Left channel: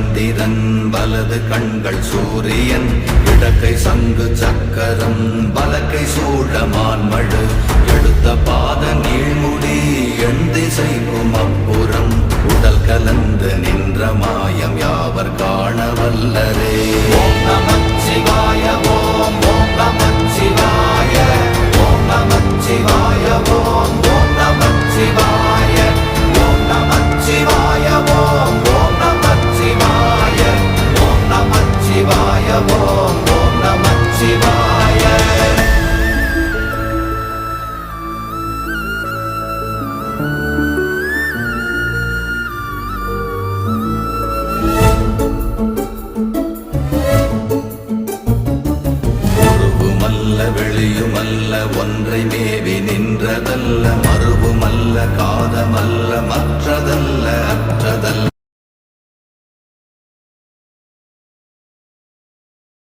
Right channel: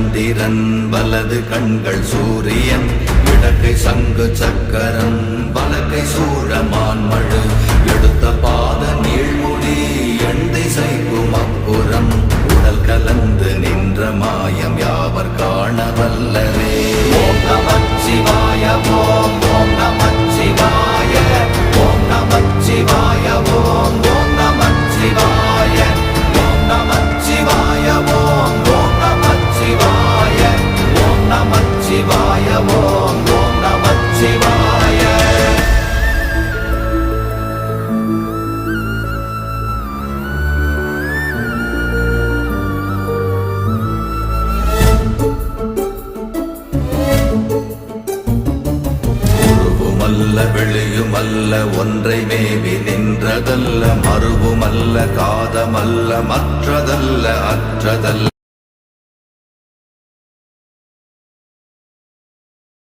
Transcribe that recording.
சந்திரன் வலது கண்கள் சூரியன் இடக்கை சங்கு சக்கரம் வலக்கை சூழமான்மழு எடுத்த பாத நீழ்முடி எண் திசைக்கும் அப்புறம் உடல் கலந்து நின்ற மாயம் யாவர் காண வல்லரே. ஓம் நமச்சிவாய ஓம் ஓம் நமச்சிவாய ஓம் நமச்சிவாய ஓம் ஓம் நமச்சிவாய ஓம் நமச்சிவாய ஓம் ஓம் நமச்சிவாய ஓம் நமச்சிவாய ஓம் ஓம் நமச்சிவாய. வெளியுமல்ல ஒன்றை மேவி நின்றதல்ல மறுவுமல்ல காதமல்ல மற்றதல்ல அற்றதல்ல